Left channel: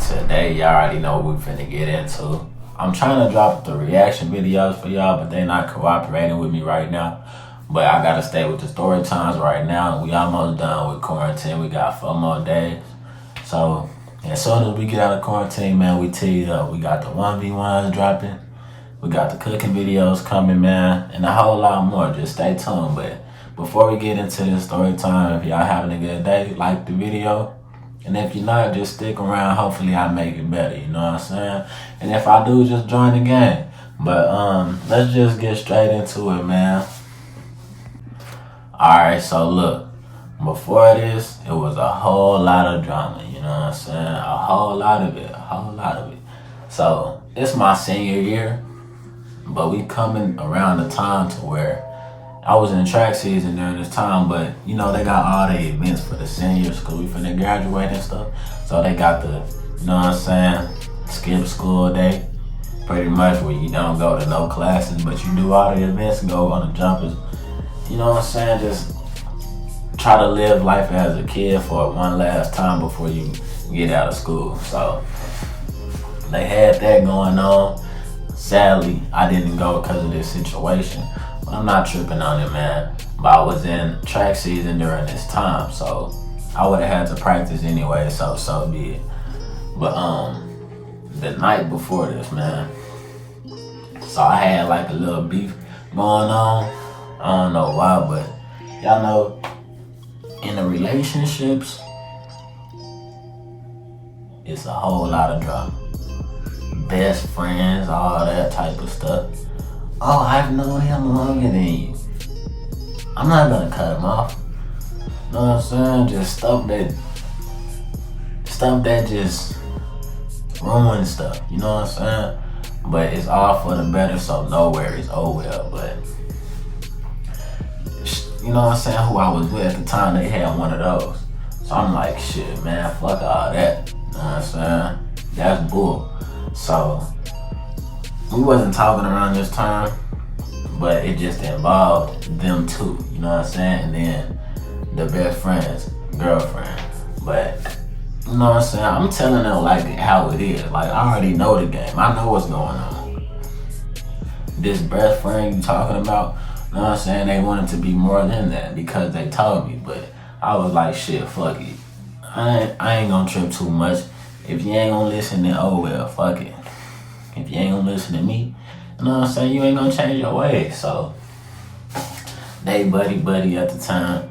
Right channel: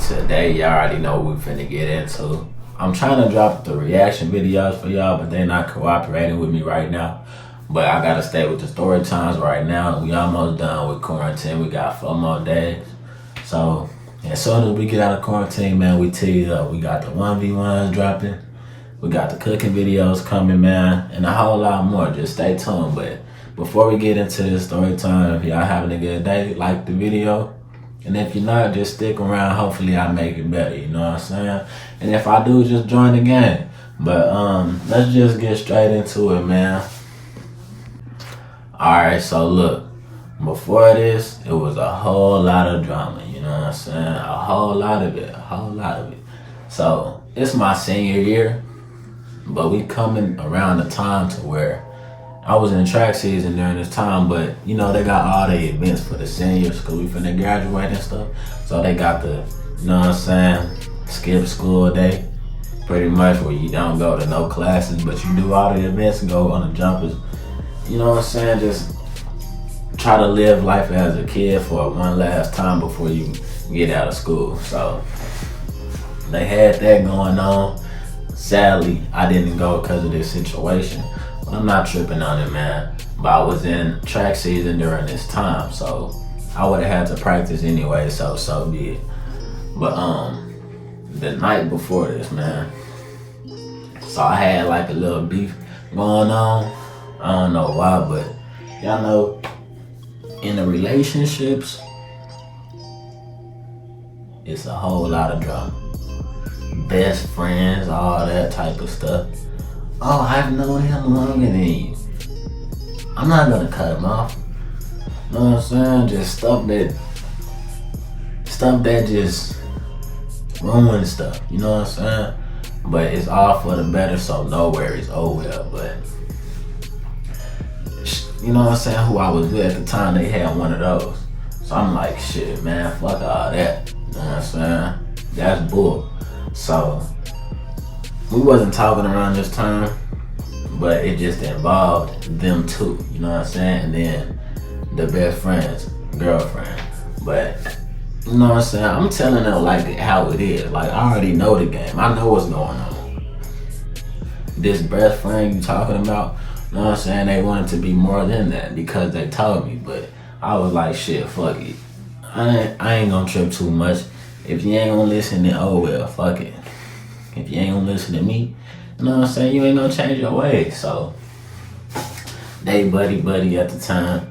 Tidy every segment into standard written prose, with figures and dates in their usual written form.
Today, y'all already know what we finna get into. I'm trying to drop the reaction videos for y'all, but they're not cooperating with me right now. But I gotta stay with the story times right now. We almost done with quarantine. We got 4 more days. So as soon as we get out of quarantine, man, we teed up. We got the 1v1 dropping. We got the cooking videos coming, man, and a whole lot more. Just stay tuned. But before we get into this story time, if y'all having a good day, like the video. And if you're not, just stick around. Hopefully I make it better, you know what I'm saying? And if I do, just join the game. But let's just get straight into it, man. Alright, so look. Before this, it was a whole lot of drama, you know what I'm saying? A whole lot of it. So, it's my senior year, but we coming around the time to where I was in track season during this time, but you know, they got all the events for the seniors because we finna graduate and stuff. So they got the, you know what I'm saying, skip school day, pretty much, where you don't go to no classes, but you do all the events and go on the jumpers. You know what I'm saying? Just try to live life as a kid for one last time before you get out of school. So they had that going on. Sadly, I didn't go because of this situation. I'm not tripping on it, man. But I was in track season during this time, so I would have had to practice anyway, so be it. But the night before this, man, so I had like a little beef going on. I don't know why, but y'all know, in the relationships, it's a whole lot of drama. Best friends, all that type of stuff. Oh, I've known him longer than you. I'm not gonna cut him off. You know what I'm saying? Just stuff that just ruins stuff. You know what I'm saying? But it's all for the better, so no worries. Oh well, but you know what I'm saying? Who I was with at the time, they had one of those. So I'm like, shit, man, fuck all that. You know what I'm saying? That's bull. So we wasn't talking around this time, but it just involved them two, you know what I'm saying? And then the best friend's girlfriend. But you know what I'm saying? I'm telling them like how it is. Like, I already know the game. I know what's going on. This best friend you talking about, you know what I'm saying? They wanted to be more than that because they told me. But I was like, shit, fuck it. I ain't gonna trip too much. If you ain't gonna listen, then oh well, fuck it. If you ain't gonna listen to me, you know what I'm saying, you ain't gonna change your ways. So they buddy at the time.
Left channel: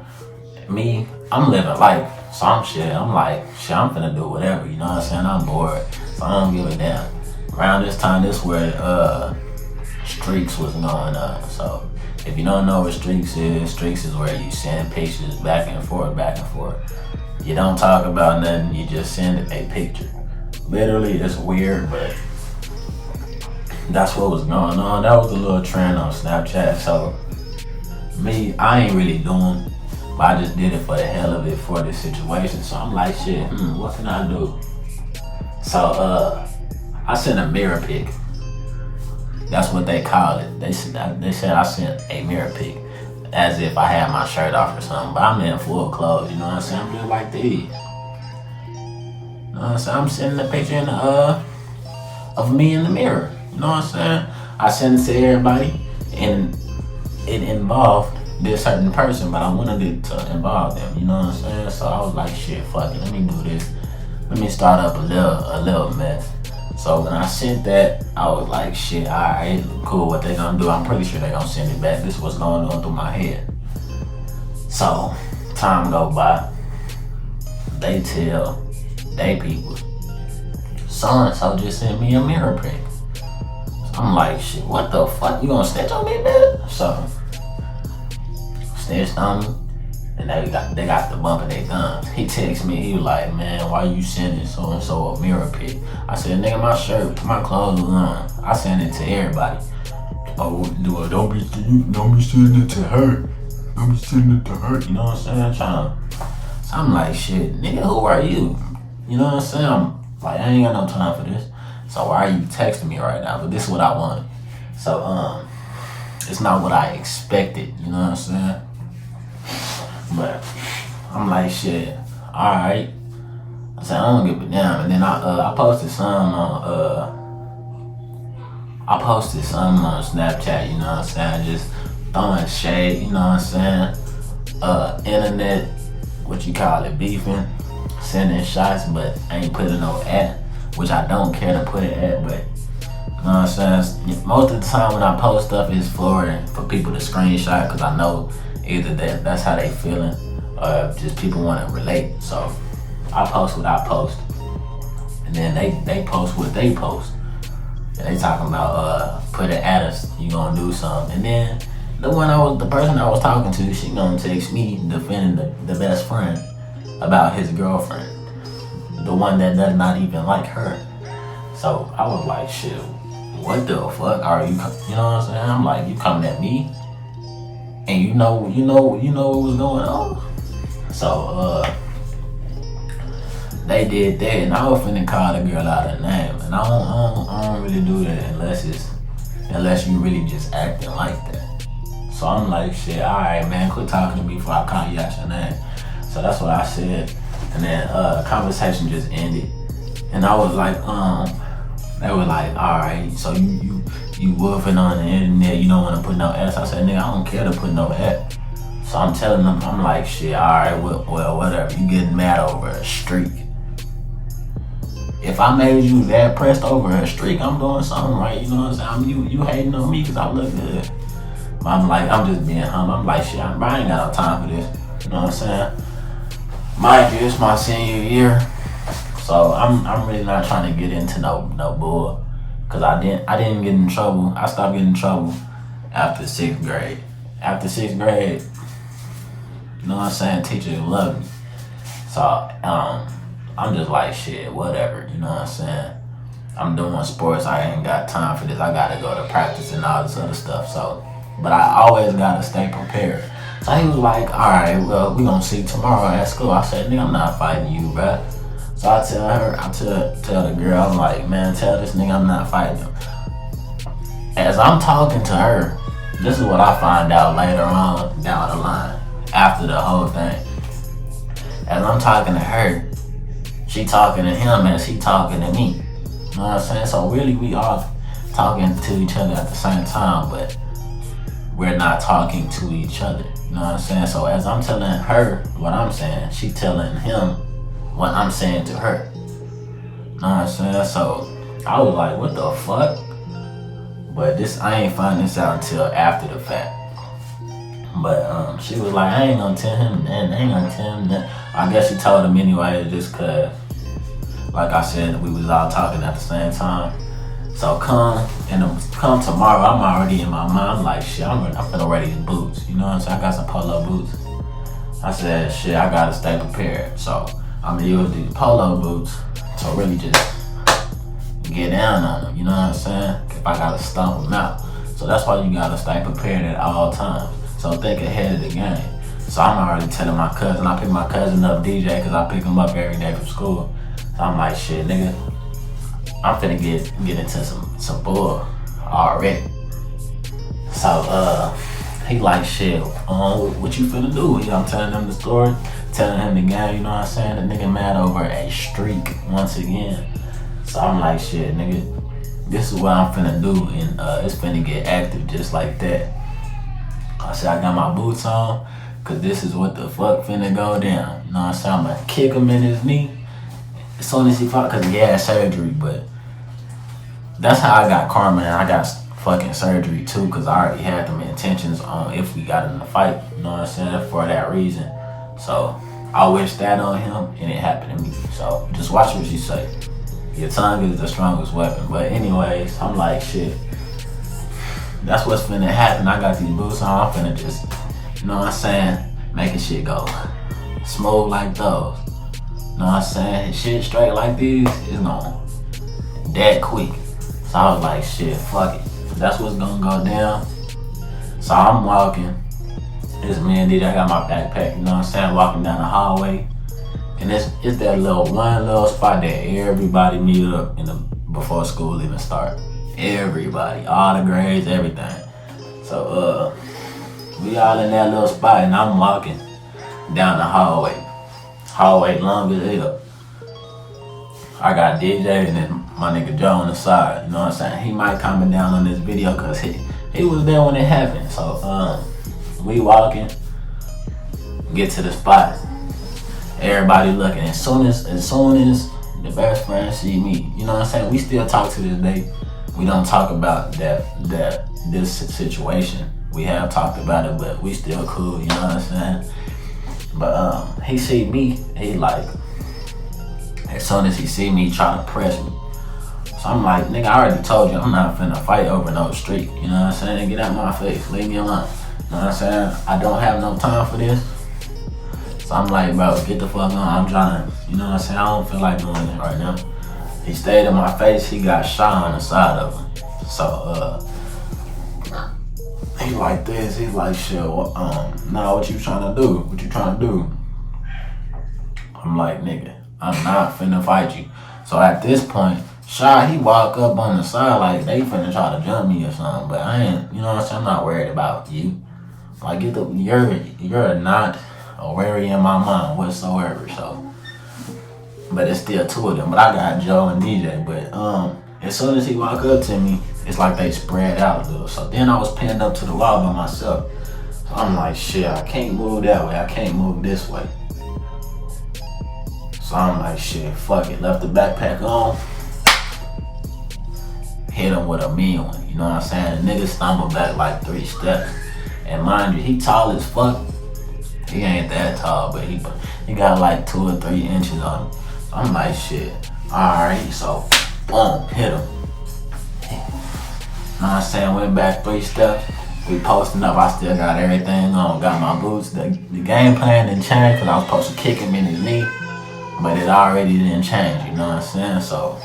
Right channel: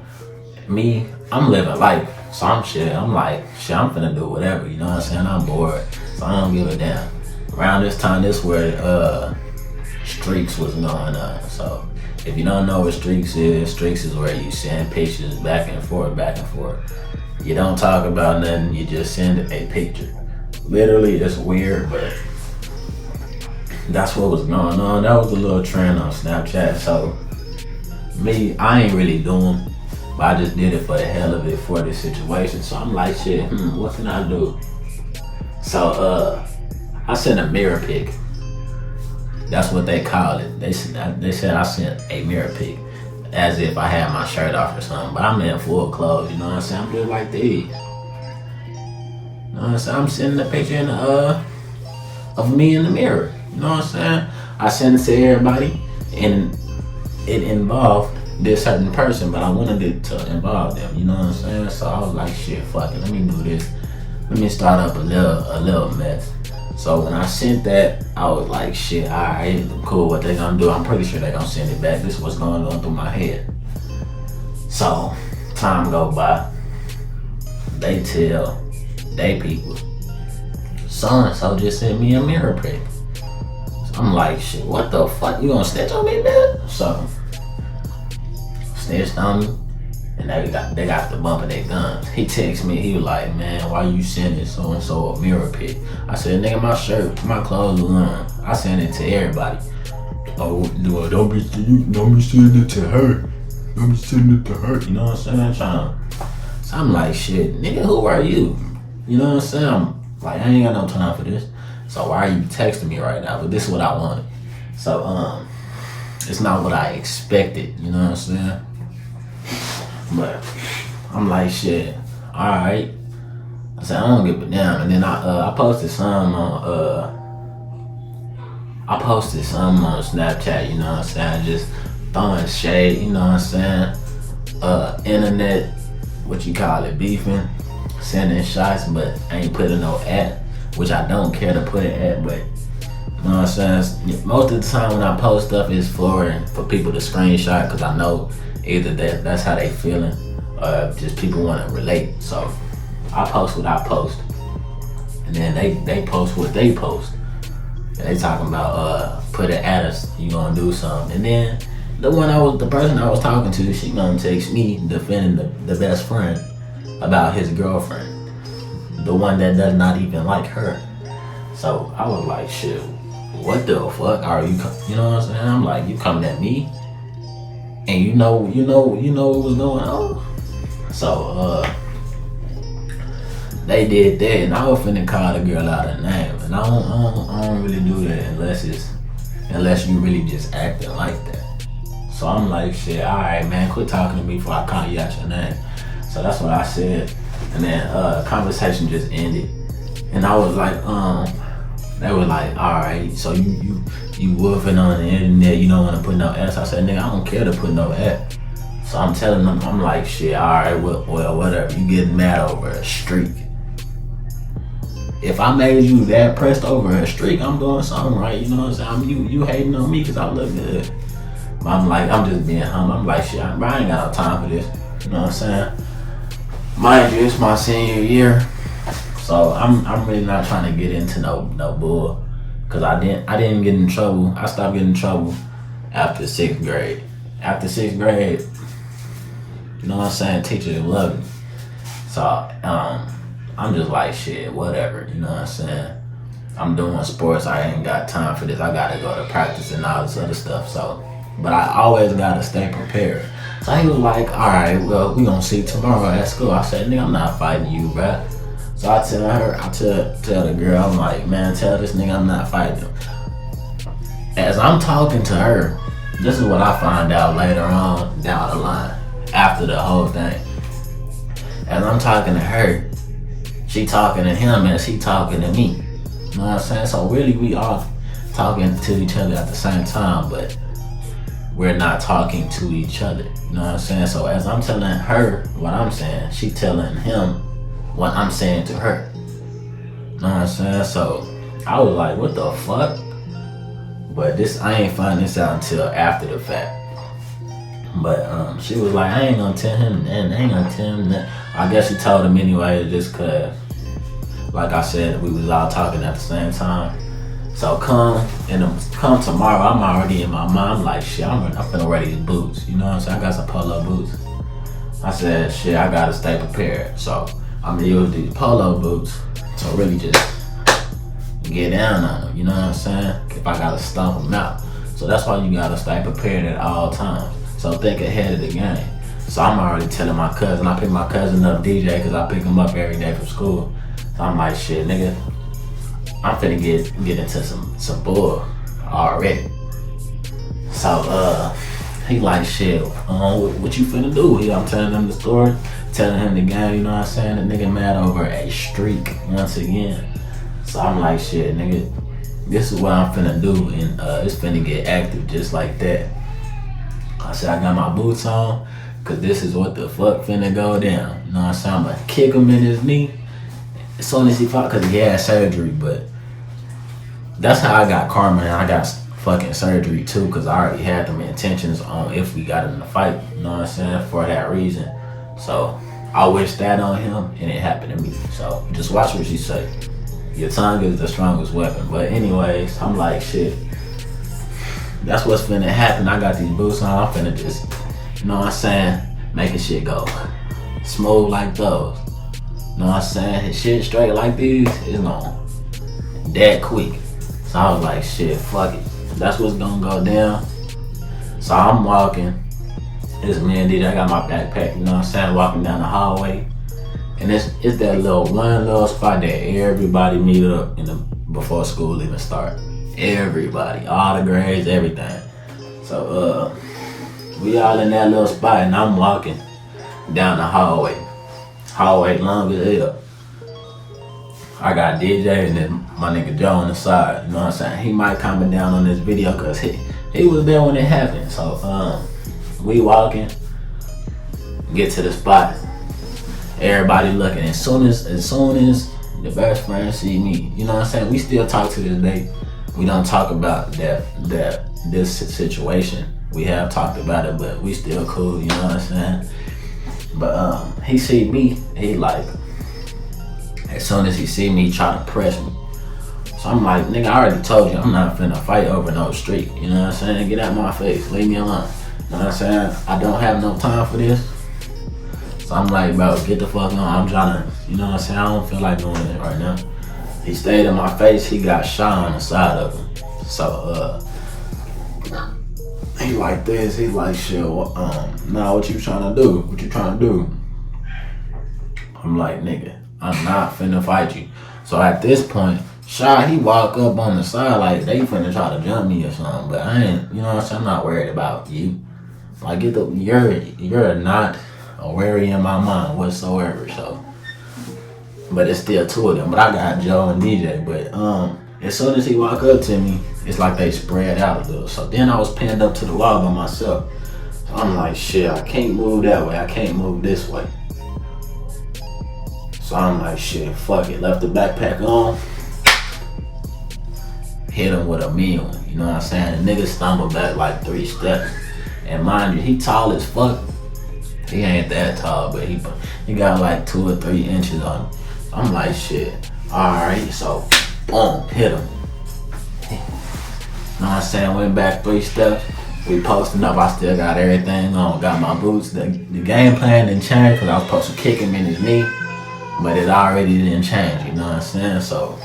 Me, I'm living life. So I'm like, shit, I'm finna do whatever, you know what I'm saying? I'm bored. So I don't give a damn. Around this time, this where streaks was going on. So if you don't know what streaks is where you send pictures back and forth. You don't talk about nothing, you just send a picture. Literally, it's weird, but that's what was going on. That was a little trend on Snapchat. So me, I ain't really doing, but I just did it for the hell of it for this situation. So I'm like, shit, what can I do? So I sent a mirror pic. That's what they call it. They said I sent a mirror pic, as if I had my shirt off or something. But I'm in full clothes, you know what I'm saying? I'm just like these. You know what I'm saying? I'm sending a picture in of me in the mirror. You know what I'm saying? I sent it to everybody, and it involved this certain person, but I wanted it to involve them. You know what I'm saying? So I was like, shit, fuck it. Let me do this. Let me start up a little mess. So when I sent that, I was like, shit, alright, cool, what they gonna do? I'm pretty sure they gonna send it back. This is what's going on through my head. So, time go by. They tell they people, so-and-so just sent me a mirror pic. So I'm like, shit, what the fuck? You gonna snitch on me, man? So, snitched on me. And they got the bump of their guns. He texted me, he was like, man, why you sending so-and-so a mirror pic? I said, nigga, my shirt, my clothes was on. I sent it to everybody. Oh, don't be sending it to her. Don't be sending it to her. You know what I'm saying? So I'm like, shit, nigga, who are you? You know what I'm saying? I'm like, I ain't got no time for this. So why are you texting me right now? But this is what I wanted. So, it's not what I expected. You know what I'm saying? But I'm like, shit, alright. So I don't give a damn. And then I posted some on Snapchat, you know what I'm saying? Just throwing shade, you know what I'm saying? Internet, what you call it, beefing, sending shots, but I ain't putting no at, which I don't care to put it at, but you know what I'm saying? Most of the time when I post stuff is for people to screenshot, because I know either that's how they feeling or just people want to relate. So I post what I post, and then they post what they post. And they talking about put it at us, you gonna do something. And then the person I was talking to, she gonna text me defending the best friend about his girlfriend, the one that does not even like her. So I was like, shit, what the fuck are you? You know what I'm saying? I'm like, you coming at me, and you know what's going on. So they did that, and I was finna call the girl out her name, and I don't really do that unless you really just acting like that. So I'm like, shit, all right, man, quit talking to me before I call you out your name. So that's what I said, and then conversation just ended, and I was like, they were like, all right, so you woofing on the internet, you don't want to put no ass. I said, nigga, I don't care to put no ass. So I'm telling them, I'm like, shit, all right, well, whatever. You getting mad over a streak. If I made you that pressed over a streak, I'm doing something right, you know what I'm saying? You hating on me because I look good. I'm like, I'm just being humble. I'm like, shit, I ain't got no time for this. You know what I'm saying? Mind you, it's my senior year. So I'm really not trying to get into no bull. Cause I didn't get in trouble. I stopped getting in trouble after 6th grade. After 6th grade, you know what I'm saying, teachers love me. So I'm just like, shit, whatever, you know what I'm saying? I'm doing sports, I ain't got time for this. I gotta go to practice and all this other stuff. So, but I always gotta stay prepared. So he was like, all right, well, we gonna see tomorrow at school. I said, nigga, I'm not fighting you, bruh. So I tell the girl, I'm like, man, tell this nigga I'm not fighting him. As I'm talking to her, this is what I find out later on down the line, after the whole thing. As I'm talking to her, she talking to him as he talking to me. You know what I'm saying? So really we all talking to each other at the same time, but we're not talking to each other. You know what I'm saying? So as I'm telling her what I'm saying, she telling him what I'm saying to her. You know what I'm saying? So I was like, what the fuck? But I ain't find this out until after the fact. But she was like, I ain't gonna tell him that, I ain't gonna tell him that. I guess she told him anyway, just cause, like I said, we was all talking at the same time. So come tomorrow, I'm already in my mind, I'm like, shit, I'm finna wear these boots. You know what I'm saying? I got some polo boots. I said, shit, I gotta stay prepared. So I'm gonna use these polo boots to really just get down on them, you know what I'm saying? If I gotta stomp them out. So that's why you gotta stay prepared at all times. So think ahead of the game. So I'm already telling my cousin, I pick my cousin up, DJ, cause I pick him up every day from school. I'm like, shit, nigga, I'm finna get into some bull already. So he like, shit, what you finna do? I'm telling him the story, telling him the game, you know what I'm saying? The nigga mad over a streak once again. So I'm like, shit, nigga, this is what I'm finna do, and it's finna get active just like that. I said, I got my boots on, cause this is what the fuck finna go down. You know what I'm saying? I'm gonna kick him in his knee as soon as he fought, cause he had surgery, but that's how I got karma, and I got fucking surgery too, cause I already had them intentions on if we got in a fight, you know what I'm saying, for that reason. So I wish that on him, and it happened to me. So just watch what you say. Your tongue is the strongest weapon. But anyways, I'm like, shit, that's what's finna happen. I got these boots on, I'm finna just, you know what I'm saying, making shit go smooth like those. You know what I'm saying? Shit straight like these, it's gonna that quick. So I was like, shit, fuck it. That's what's gonna go down. So I'm walking. It's me and DJ, I got my backpack, you know what I'm saying, walking down the hallway. And it's that one little spot that everybody meet up before school even start. Everybody, all the grades, everything. So we all in that little spot, and I'm walking down the hallway. Hallway long as hell. I got DJ and then my nigga Joe on the side. You know what I'm saying? He might comment down on this video because he was there when it happened. So we walking, get to the spot. Everybody looking. As soon as the best friend see me, you know what I'm saying? We still talk to this day. We don't talk about this situation. We have talked about it, but we still cool. You know what I'm saying? But he see me, he like, as soon as he see me, he try to press me. So I'm like, nigga, I already told you I'm not finna fight over no street. You know what I'm saying? Get out of my face, leave me alone. You know what I'm saying? I don't have no time for this. So I'm like, bro, get the fuck on. I'm trying to, you know what I'm saying? I don't feel like doing it right now. He stayed in my face, he got shot on the side of him. So he like this, he like, shit, well, nah, what you trying to do? What you trying to do? I'm like, nigga, I'm not finna fight you. So at this point, Shy, he walk up on the side like they finna try to jump me or something, but I ain't, you know what I'm saying? I'm not worried about you. Like, you're not a worry in my mind whatsoever, so. But it's still two of them. But I got Joe and DJ. But as soon as he walk up to me, it's like they spread out a little. So then I was pinned up to the wall by myself. So I'm like, shit, I can't move that way. I can't move this way. So I'm like, shit, fuck it. Left the backpack on. Hit him with a meal. You know what I'm saying? The nigga stumbled back like 3 steps. And mind you, he tall as fuck. He ain't that tall, but he got like 2 or 3 inches on him. I'm like, shit, alright, so boom, hit him. You know what I'm saying? Went back 3 steps. We posting up, I still got everything on, got my boots. The game plan didn't change because I was supposed to kick him in his knee, but it already didn't change, you know what I'm saying? So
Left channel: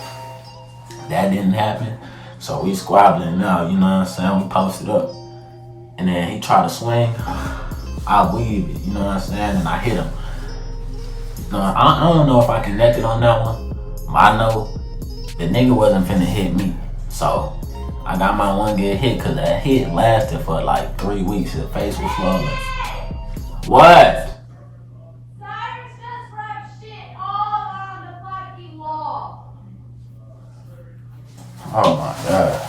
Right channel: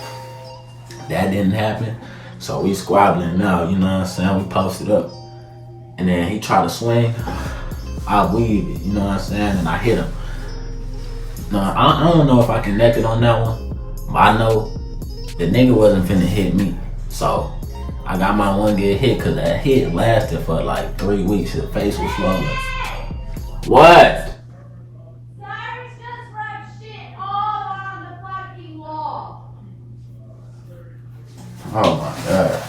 that didn't happen. So we squabbling now, you know what I'm saying? We posted up. And then he tried to swing. I weaved it, you know what I'm saying? And I hit him. I don't know if I connected on that one, but I know the nigga wasn't finna hit me. So I got my one good hit because that hit lasted for like 3 weeks. His face was swollen. What? Cyrus just writes shit all on the fucking wall. Oh my god.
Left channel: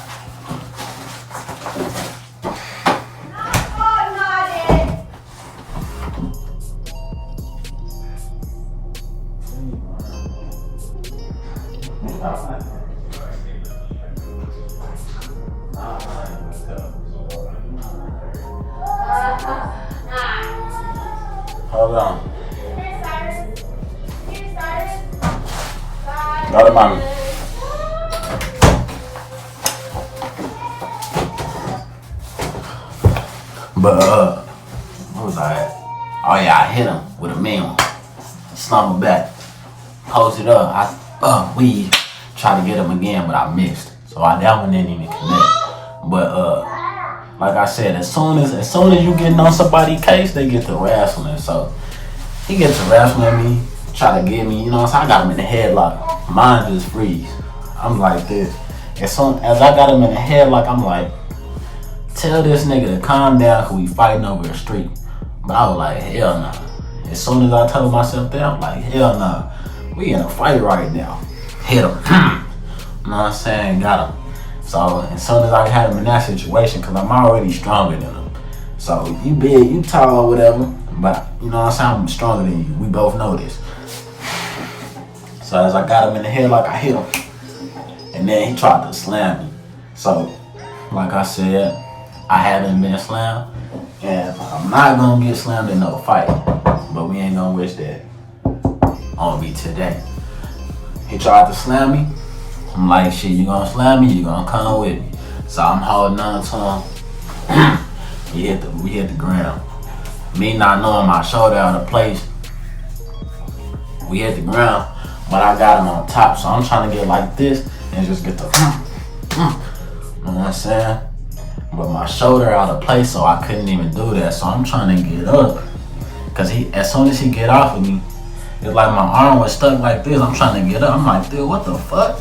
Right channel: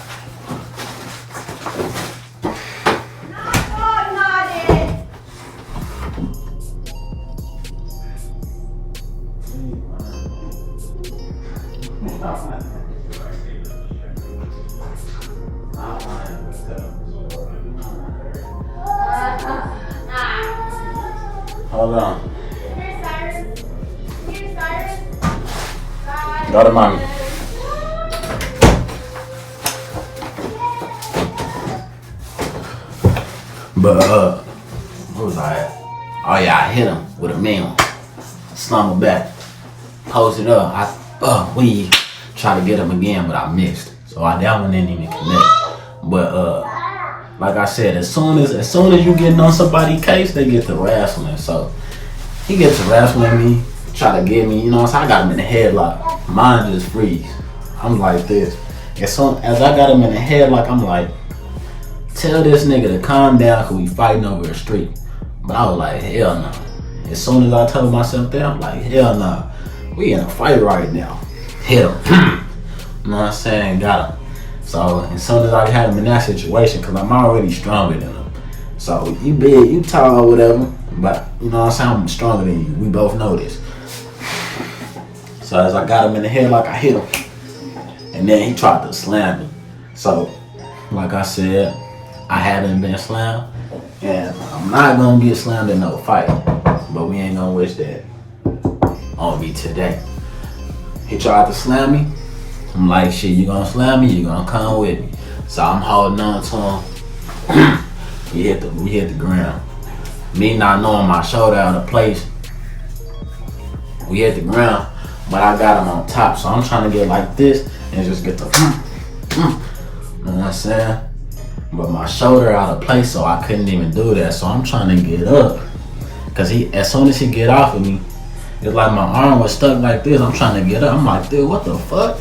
Hold on. Here's Cyrus. Here's Cyrus. Go to mommy. But where was I at? Oh yeah, I hit him with a meal. Slumber back. Posted up. We tried to get him again, but I missed. So that one didn't even connect. But like I said, as soon as you getting on somebody's case, they get to wrestling. So he gets to wrestling me, try to get me, you know what I'm saying? I got him in the headlock. Mine just freeze. I'm like this. As soon as I got him in the headlock, I'm like, tell this nigga to calm down because we fighting over the street. But I was like, hell no. As soon as I told myself that, I'm like, hell no. We in a fight right now. Hit him. You know what I'm saying? Got him. So as soon as I had him in that situation, because I'm already stronger than him. So you big, you tall or whatever, but you know what I'm saying? I'm stronger than you. We both know this. So as I got him in the headlock, I hit him. And then he tried to slam me. So like I said, I haven't been slammed. And I'm not gonna get slammed in no fight. But we ain't gonna wish that on me today. He tried to slam me. I'm like, shit, you gonna slam me, you gonna come with me. So I'm holding on to him. we hit the ground. Me not knowing my shoulder out of place. We hit the ground, but I got him on top. So I'm trying to get like this and just get the you know what I'm saying? But my shoulder out of place, so I couldn't even do that. So I'm trying to get up. Cause as soon as he get off of me, it's like my arm was stuck like this. I'm trying to get up. I'm like, dude, what the fuck?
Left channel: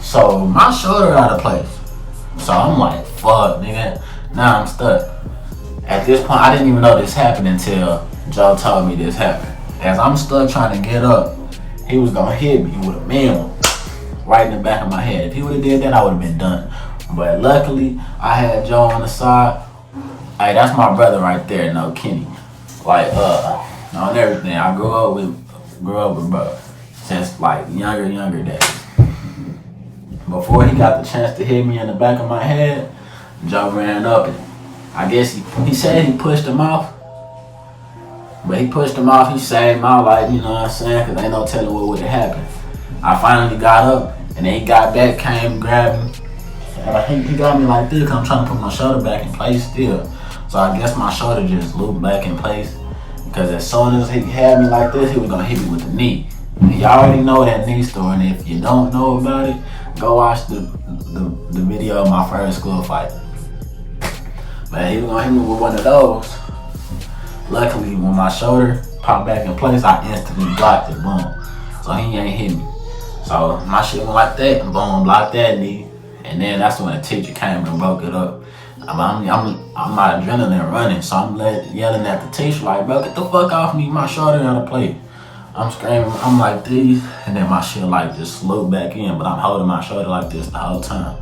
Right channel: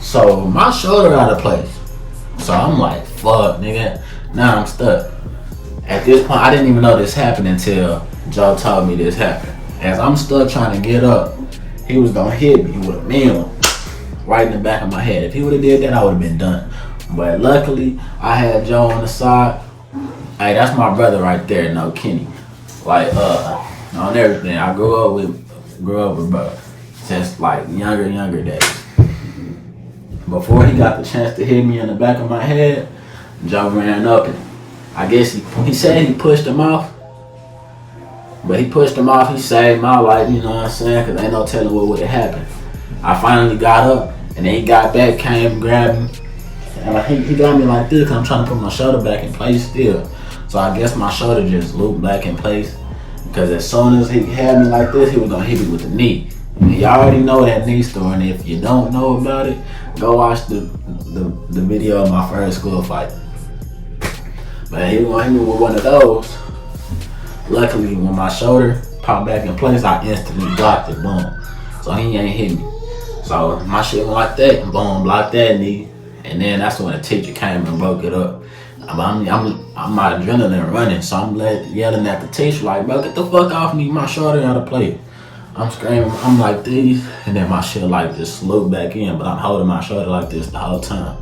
So my shoulder out of place. So I'm like, fuck, nigga. Now I'm stuck. At this point, I didn't even know this happened until Joe told me this happened. As I'm stuck trying to get up, he was gonna hit me with a meal. right in the back of my head. If he would have did that, I would have been done. But luckily, I had Joe on the side. Hey, that's my brother right there, no Kenny. Like, on everything. I grew up with bro since like younger days. Before he got the chance to hit me in the back of my head, Joe ran up and I guess he said he pushed him off. But he pushed him off, he saved my life, you know what I'm saying? Cause ain't no telling what would have happened. I finally got up and then he got back, came, grabbed me. And he got me like this cause I'm trying to put my shoulder back in place still. So I guess my shoulder just looped back in place. Cause as soon as he had me like this, he was gonna hit me with the knee. And y'all already know that knee story, and if you don't know about it, go watch the video of my first school fight. But he was gonna hit me with one of those. Luckily, when my shoulder popped back in place, I instantly blocked it, boom. So he ain't hit me. So my shit went like that, and boom, blocked that knee. And then that's when the teacher came and broke it up. I'm my adrenaline running, so I'm yelling at the teacher like, bro, get the fuck off me, my shoulder out of play. I'm screaming, I'm like this, and then my shit like just slowed back in, but I'm holding my shoulder like this the whole time.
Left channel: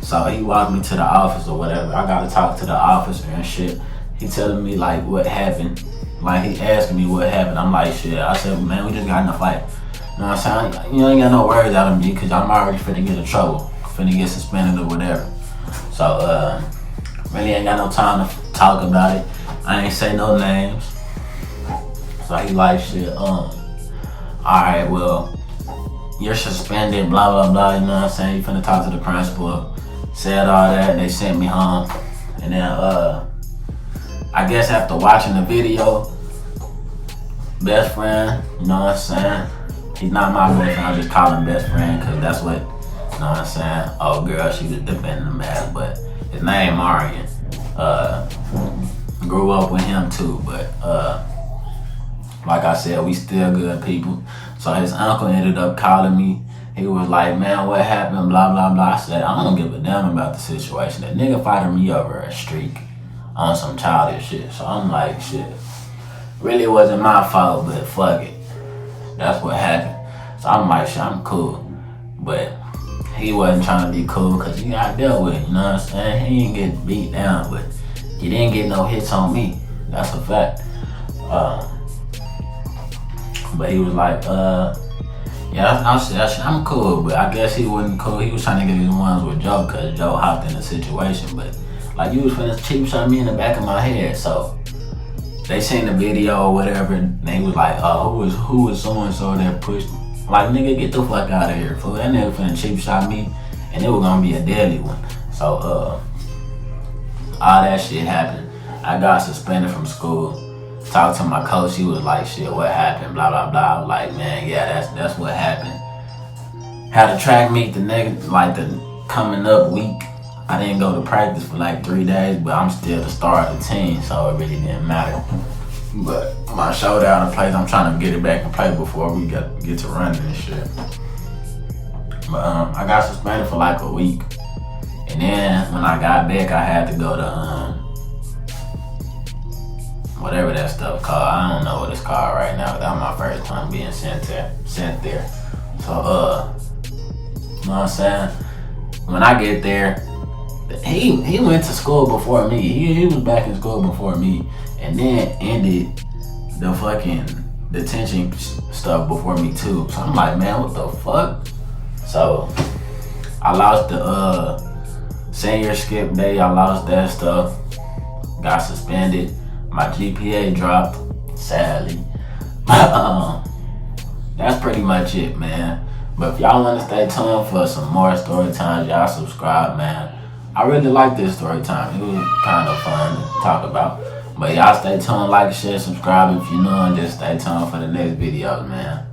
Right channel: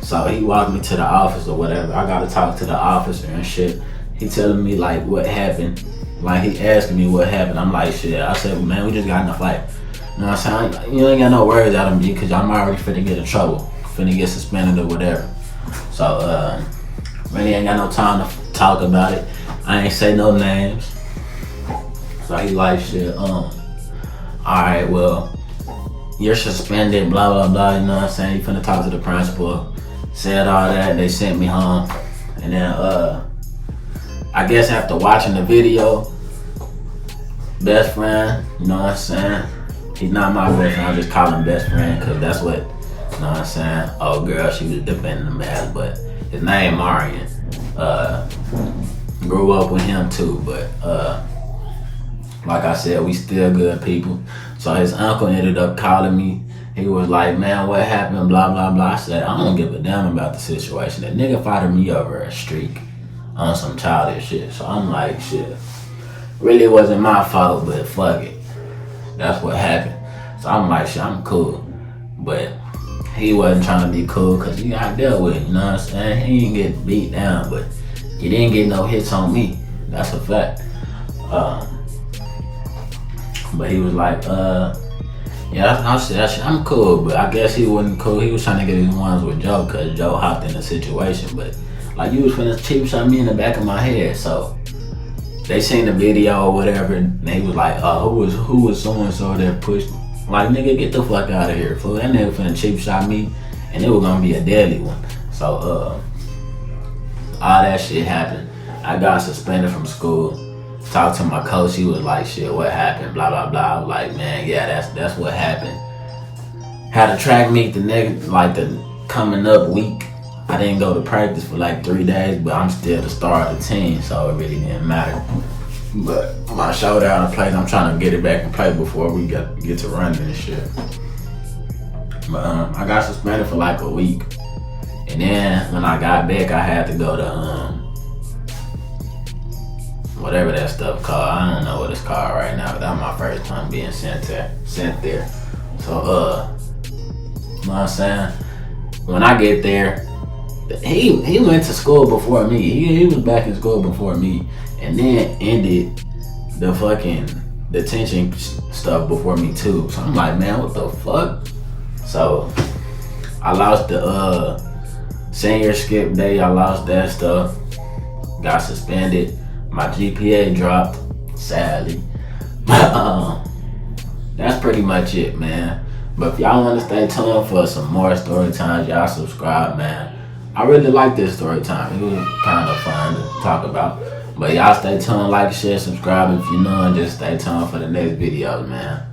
So he walked me to the office or whatever. I gotta talk to the officer and shit. He telling me like what happened. Like he asking me what happened. I'm like, shit. I said, well, man, we just got in a fight. You know what I'm saying? You ain't got no words out of me because I'm already finna get in trouble. Finna get suspended or whatever. So, really ain't got no time to talk about it. I ain't say no names. So he like, shit, alright, well, you're suspended, blah, blah, blah, you know what I'm saying? You finna talk to the principal. Said all that, they sent me home. And then, I guess after watching the video, best friend, you know what I'm saying? He's not my best friend, I just call him best friend because that's what, you know what I'm saying? Oh girl, she was defending him as, but his name Marion. Grew up with him too, but like I said, we still good people. So his uncle ended up calling me. He was like, man, what happened, blah, blah, blah. I said, I don't give a damn about the situation. The nigga fighted me over a streak on some childish shit. So I'm like, shit, really wasn't my fault, but fuck it. That's what happened. So I'm like, shit, I'm cool. But he wasn't trying to be cool because he got dealt with it, you know what I'm saying? He didn't get beat down, but he didn't get no hits on me. That's a fact. But he was like, yeah, I said, I'm cool, but I guess he wasn't cool. He was trying to get his ones with Joe because Joe hopped in the situation. But like, you was finna cheap shot me in the back of my head. So they seen the video or whatever, and they was like, who was so-and-so that pushed me? Like, nigga, get the fuck out of here, fool. That nigga finna cheap shot me, and it was gonna be a deadly one. So, all that shit happened. I got suspended from school. Talked to my coach, he was like, shit, what happened, blah, blah, blah. I was like, man, yeah, that's what happened. Had a track meet the coming up week. I didn't go to practice for like 3 days, but I'm still the star of the team, so it really didn't matter. But my shoulder out of place, I'm trying to get it back in place before we get to running and shit. But I got suspended for like a week. And then when I got back, I had to go to whatever that stuff called. I don't know what it's called right now. That was my first time being sent there. So, you know what I'm saying? When I get there, he went to school before me. He was back in school before me, and then ended the fucking detention stuff before me too. So I'm like, man, what the fuck? So I lost the senior skip day. I lost that stuff. Got suspended. My GPA dropped, sadly. That's pretty much it, man. But if y'all want to stay tuned for some more story times, y'all subscribe, man. I really like this story time. It was kind of fun to talk about. But y'all stay tuned, like, share, subscribe if you're new, and just stay tuned for the next videos, man.